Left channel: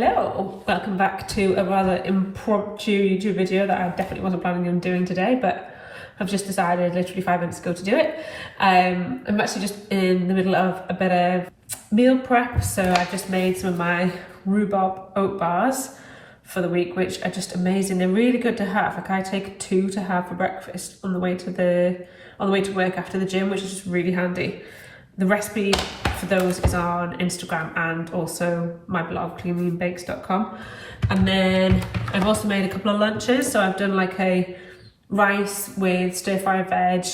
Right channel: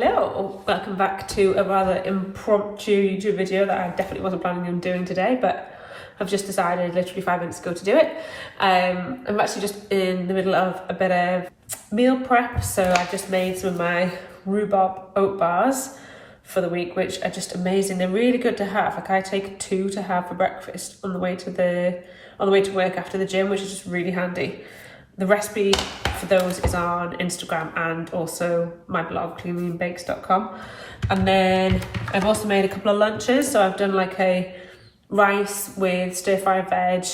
Hello, welcome back to a rather impromptu YouTube video that I definitely wasn't planning on doing today, but I've just decided literally 5 minutes ago to do it. I'm actually just in the middle of a bit of meal prep, so I've just made some of my rhubarb oat bars for the week, which are just amazing. They're really good to have. Like, I take 2 to have for breakfast on the way to work after the gym, which is just really handy. The recipe for those is on Instagram and also my blog, cleanlyandbakes.com. And then I've also made a couple of lunches. So I've done like a rice with stir-fried veg,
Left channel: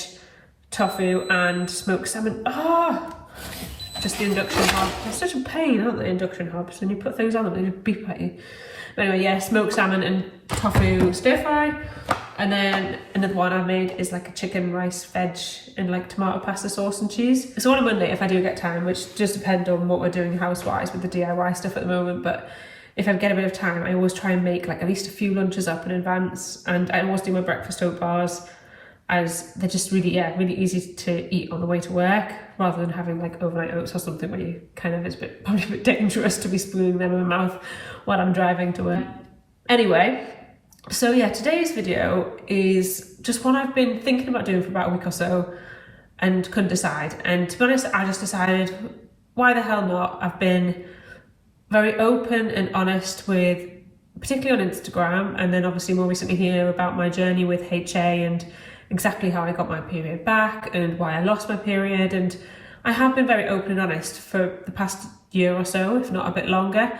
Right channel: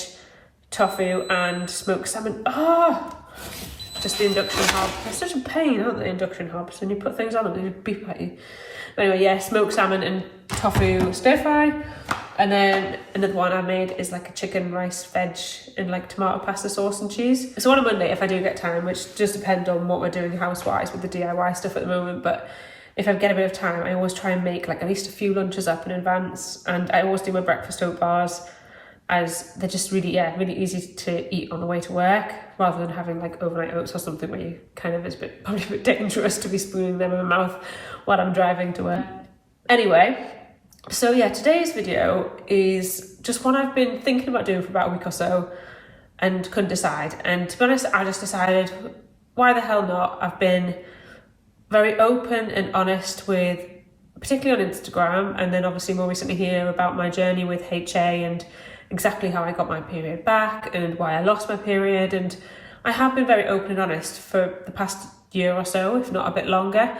tofu and smoked salmon. Just the induction hob. They're such a pain, aren't they, induction hobs? And you put things on them and they beep at you. But anyway, yeah, smoked salmon and tofu stir-fry. And then another one I made is like a chicken, rice, veg and like tomato pasta sauce and cheese. So on a Monday, if I do get time, which just depends on what we're doing house-wise with the DIY stuff at the moment, but if I get a bit of time, I always try and make like at least a few lunches up in advance. And I always do my breakfast oat bars, as they're just really easy to eat on the way to work, rather than having like overnight oats or something where you kind of, it's probably a bit dangerous to be spooning them in my mouth while I'm driving to work. Anyway, so yeah, today's video is just one I've been thinking about doing for about a week or so and couldn't decide. And to be honest, I just decided, why the hell not? I've been very open and honest with, particularly on Instagram, and then obviously more recently here, about my journey with HA and exactly how I got my period back and why I lost my period. And I have been very open and honest for the past year or so, if not a bit longer.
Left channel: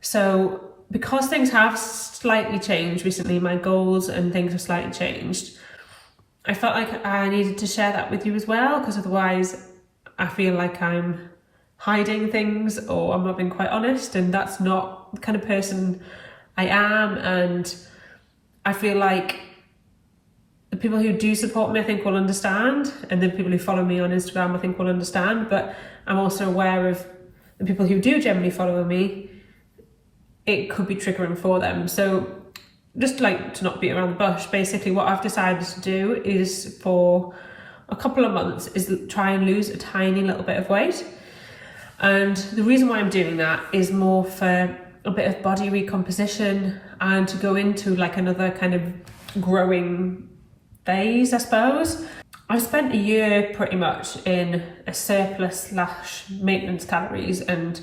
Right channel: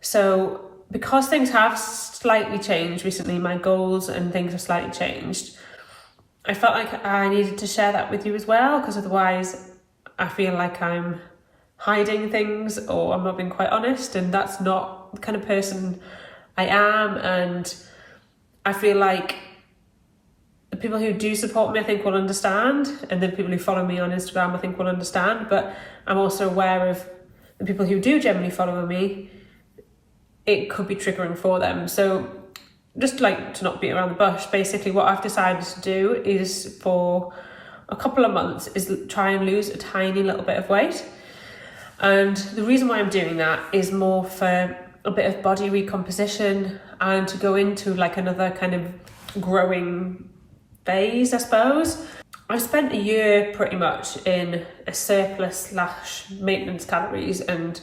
So because things have slightly changed recently, my goals and things have slightly changed, I felt like I needed to share that with you as well, because otherwise I feel like I'm hiding things or I'm not being quite honest, and that's not the kind of person I am. And I feel like the people who do support me, I think, will understand, and then people who follow me on Instagram, I think, will understand. But I'm also aware of the people who do generally follow me, it could be triggering for them. So just like to not beat around the bush, basically what I've decided to do is, for a couple of months, is try and lose a tiny little bit of weight. And the reason why I'm doing that is more for a bit of body recomposition and to go into like another kind of growing phase, I suppose. I've spent a year pretty much in a surplus / maintenance calories, and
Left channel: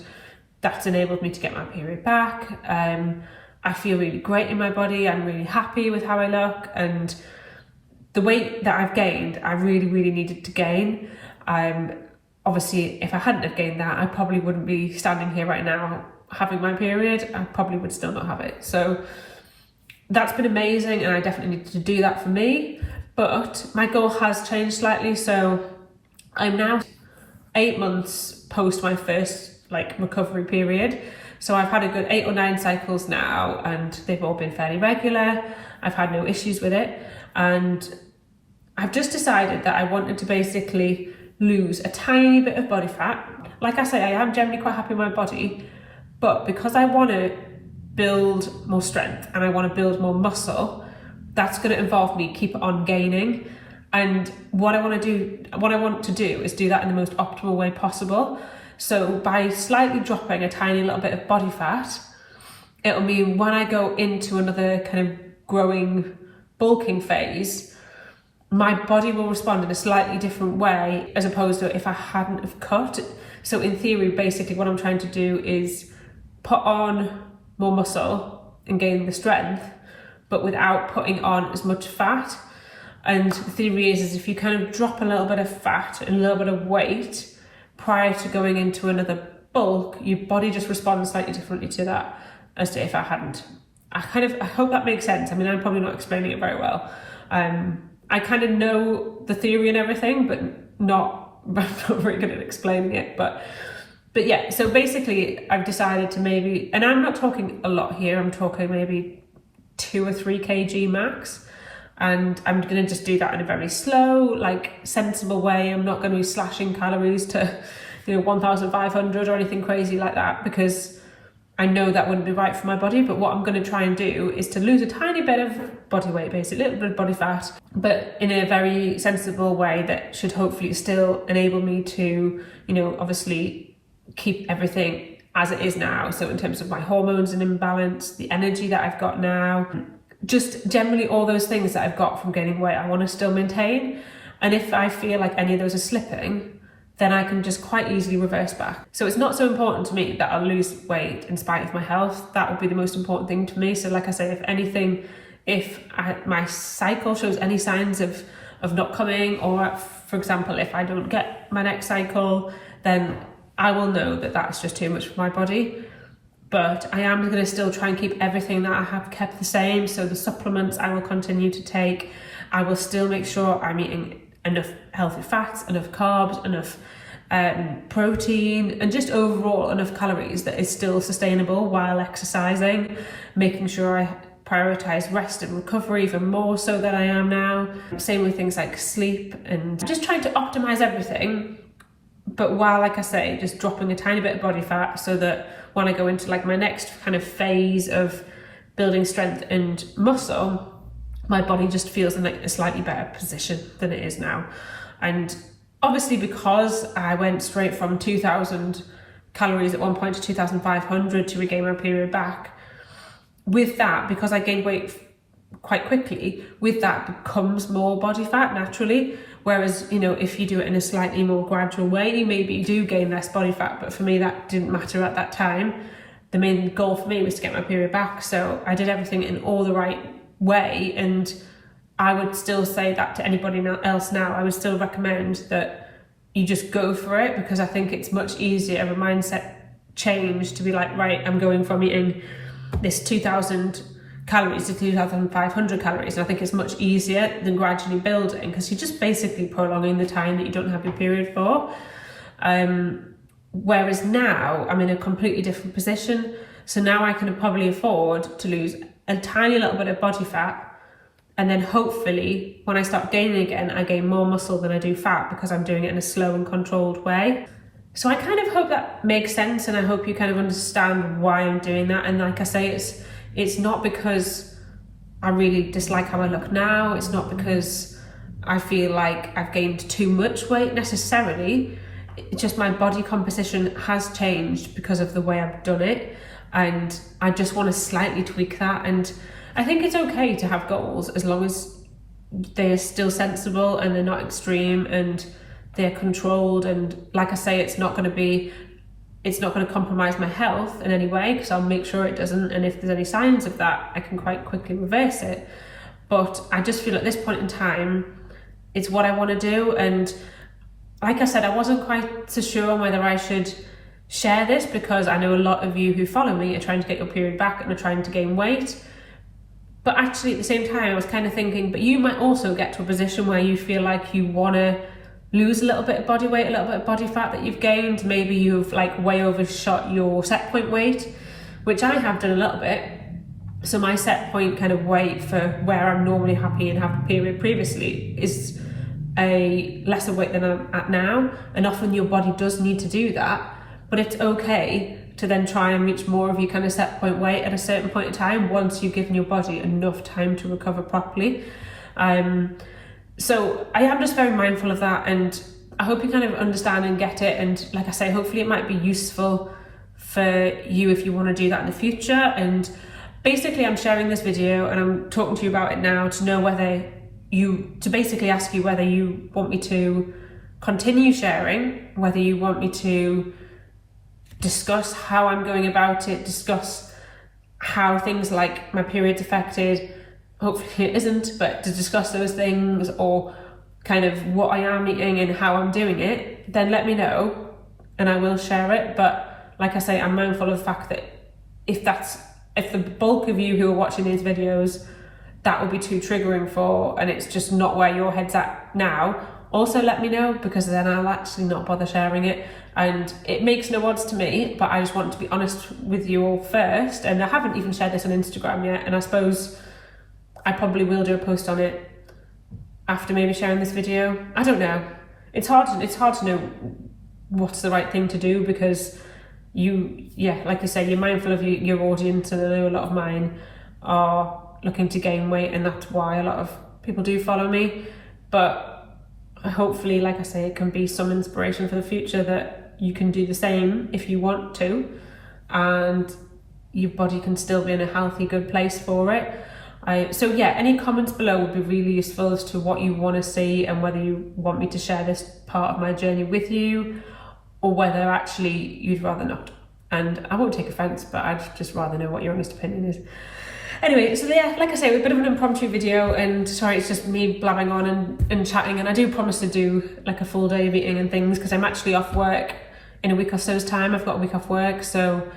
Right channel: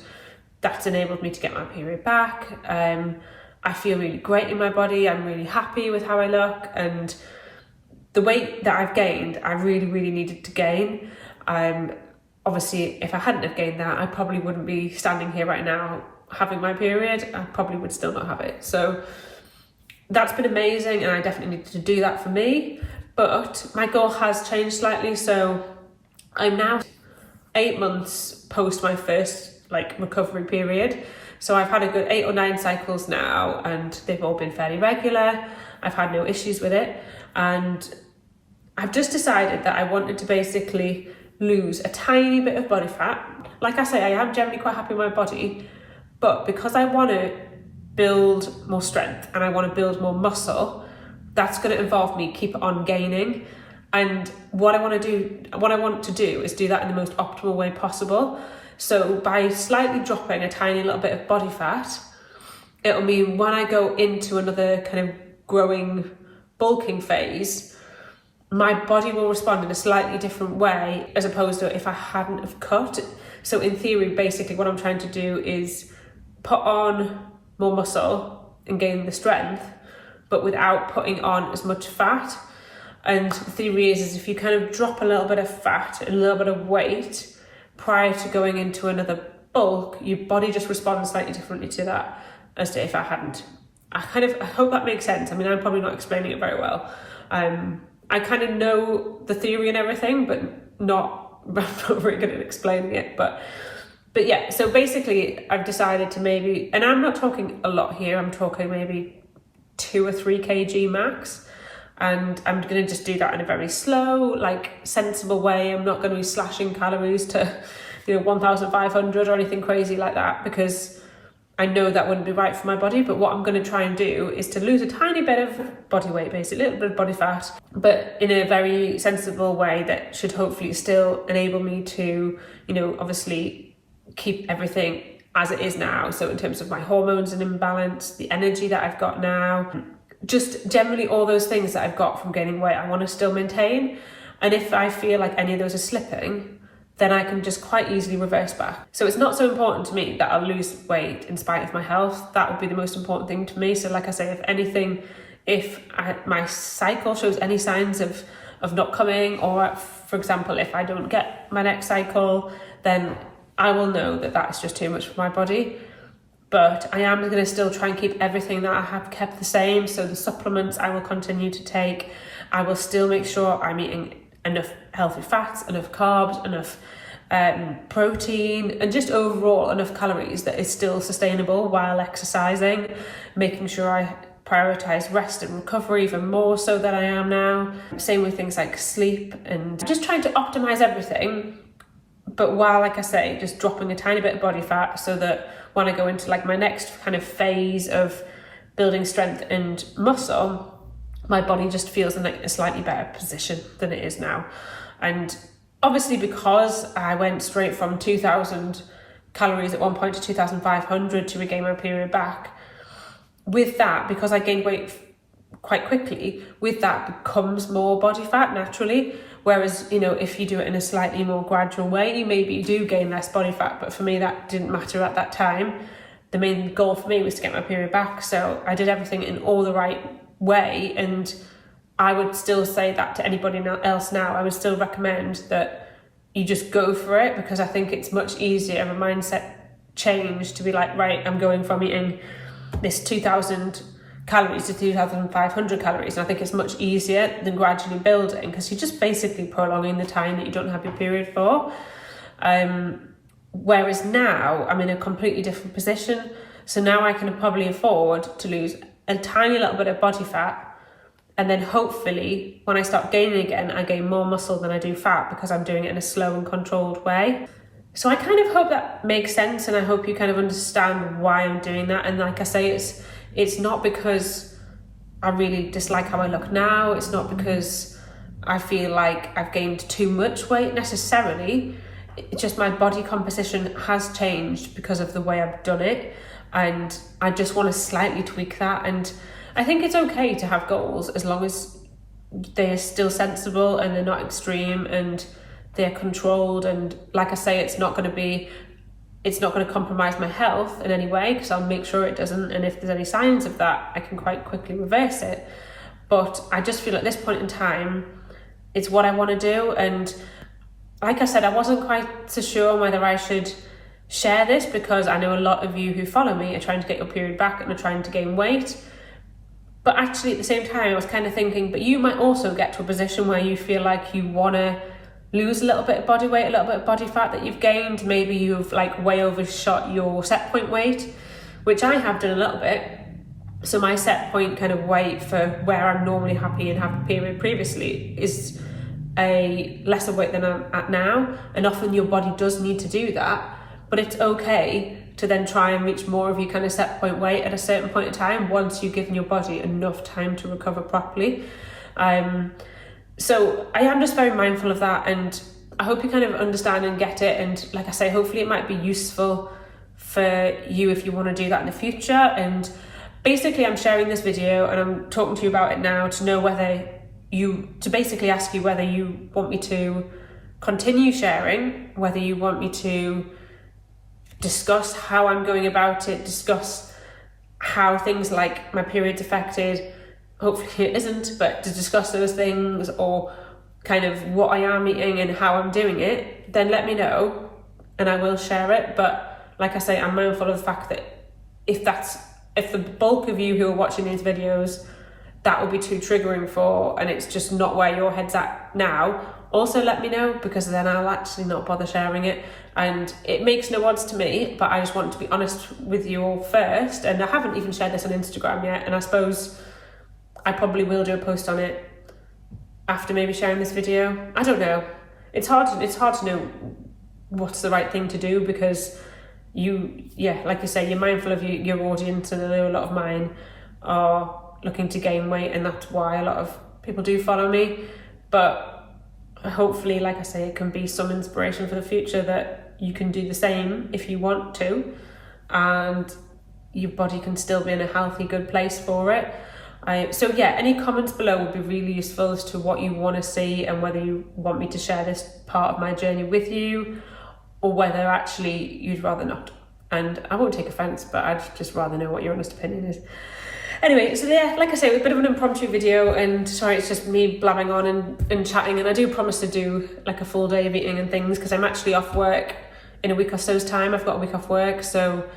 that's enabled me to get my period back. I feel really great in my body. I'm really happy with how I look, and the weight that I've gained, I really needed to gain. Obviously, if I hadn't have gained that, I probably wouldn't be standing here right now having my period. I probably would still not have it. So that's been amazing, and I definitely needed to do that for me. But my goal has changed slightly. So I'm now 8 months post my first recovery period. So I've had a good 8 or 9 cycles now, and they've all been fairly regular. I've had no issues with it. And I've just decided that I wanted to basically lose a tiny bit of body fat. Like I say, I am generally quite happy with my body, but because I want to build more strength and I want to build more muscle, that's going to involve me keep on gaining. And what I want to do is do that in the most optimal way possible. So by slightly dropping a tiny little bit of body fat, it'll mean when I go into another kind of growing, bulking phase, my body will respond in a slightly different way as opposed to if I hadn't have cut. So in theory, basically what I'm trying to do is put on more muscle and gain the strength, but without putting on as much fat. And the theory is if you kind of drop a little bit of fat and a little bit of weight prior to going into another bulk, your body just responds slightly differently to that as to if I hadn't. I hope that makes sense. I mean, I'm probably not explaining it very well. I kind of know the theory and everything, but I'm not very good at explaining it. But yeah, so basically I've decided to maybe, and I'm not talking a lot here, I'm talking maybe 2 or 3 kg max. And I'm going to just do that in a very slow, sensible way. I'm not going to be slashing calories to, 1,500 or anything crazy like that, because I know that wouldn't be right for my body. But what I'm going to try and do is to lose a tiny bit of body weight, basically, a little bit of body fat, but in a very sensible way that should hopefully still enable me to, obviously keep everything as it is now. So in terms of my hormones in imbalance, the energy that I've got now, just generally all those things that I've got from gaining weight, I want to still maintain. And if I feel like any of those are slipping, then I can just quite easily reverse back. So it's not so important to me that I'll lose weight in spite of my health. That would be the most important thing to me. So like I say, if anything, my cycle shows any signs of not coming, or for example, if I don't get my next cycle, then I will know that that's just too much for my body. But I am going to still try and keep everything that I have kept the same. So the supplements I will continue to take. I will still make sure I'm eating enough healthy fats, enough carbs, enough protein, and just overall enough calories that is still sustainable while exercising, making sure I prioritize rest and recovery even more so than I am now. Same with things like sleep, and just trying to optimize everything, but while, like I say, just dropping a tiny bit of body fat so that when I go into like my next kind of phase of building strength and muscle, my body just feels in like a slightly better position than it is now. And obviously, because I went straight from 2,000 calories at one point to 2,500 to regain my period back, with that, because I gained weight quite quickly, with that becomes more body fat naturally. Whereas, you know, if you do it in a slightly more gradual way, you maybe do gain less body fat. But for me, that didn't matter at that time. The main goal for me was to get my period back. So I did everything in all the right way, and I would still say that to anybody else now. I would still recommend that you just go for it, because I think it's much easier of a mindset change to be like, right, I'm going from eating this 2,000 calories to 2,500 calories, and I think it's much easier than gradually building, because you're just basically prolonging the time that you don't have your period for. Whereas now I'm in a completely different position, so now I can probably afford to lose a tiny little bit of body fat, and then hopefully when I start gaining again, I gain more muscle than I do fat, because I'm doing it in a slow and controlled way. So I kind of hope that makes sense, and I hope you kind of understand why I'm doing that. And like I say, it's not because I really dislike how I look now. It's not because I feel like I've gained too much weight necessarily. It's just my body composition has changed because of the way I've done it, and I just want to slightly tweak that. And I think it's okay to have goals as long as they're still sensible and they're not extreme and they're controlled. And like I say, it's not going to compromise my health in any way, because I'll make sure it doesn't. And if there's any signs of that, I can quite quickly reverse it. But I just feel at this point in time, it's what I want to do. And like I said, I wasn't quite so sure on whether I should share this, because I know a lot of you who follow me are trying to get your period back and are trying to gain weight. But actually at the same time, I was kind of thinking, but you might also get to a position where you feel like you want to lose a little bit of body weight, a little bit of body fat that you've gained. Maybe you've like way overshot your set point weight, which I have done a little bit. So my set point kind of weight for where I'm normally happy and have a period previously is a lesser weight than I'm at now. And often your body does need to do that, but it's okay to then try and reach more of your kind of set point weight at a certain point in time once you've given your body enough time to recover properly. So I am just very mindful of that, and I hope you kind of understand and get it. And like I say, hopefully it might be useful for you if you want to do that in the future. And basically I'm sharing this video and I'm talking to you about it now to know to basically ask you whether you want me to continue sharing, whether you want me to discuss how I'm going about it, discuss how things like my period's affected. Hopefully it isn't, but to discuss those things, or kind of what I am eating and how I'm doing it, then let me know and I will share it. But like I say, I'm mindful of the fact that if the bulk of you who are watching these videos, that would be too triggering for, and it's just not where your head's at now, also let me know, because then I'll actually not bother sharing it. And it makes no odds to me, but I just want to be honest with you all first. And I haven't even shared this on Instagram yet, and I suppose I probably will do a post on it after maybe sharing this video. I don't know. It's hard to know what's the right thing to do, because like you say, you're mindful of your audience, and I know a lot of mine are looking to gain weight, and that's why a lot of people do follow me. But hopefully, like I say, it can be some inspiration for the future that you can do the same if you want to. and your body can still be in a healthy, good place for it. So yeah, any comments below would be really useful as to what you want to see and whether you want me to share this part of my journey with you, or whether actually you'd rather not. And I won't take offence, but I'd just rather know what your honest opinion is. Anyway, so yeah, like I say, a bit of an impromptu video, and sorry, it's just me blabbing on and chatting, and I do promise to do like a full day of eating and things, because I'm actually off work in a week or so's time. I've got a week off work, so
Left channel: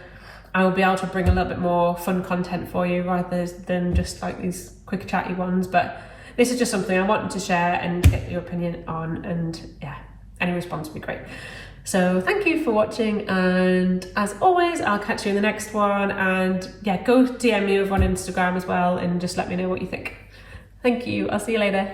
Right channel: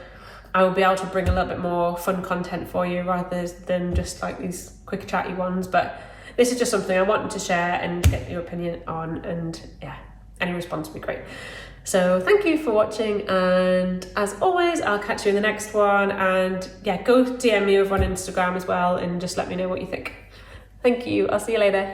I will be able to bring a little bit more fun content for you rather than just like these quick chatty ones. But this is just something I wanted to share and get your opinion on, and yeah, any response would be great. So thank you for watching, and as always, I'll catch you in the next one. And yeah, go DM me over on Instagram as well and just let me know what you think. Thank you. I'll see you later.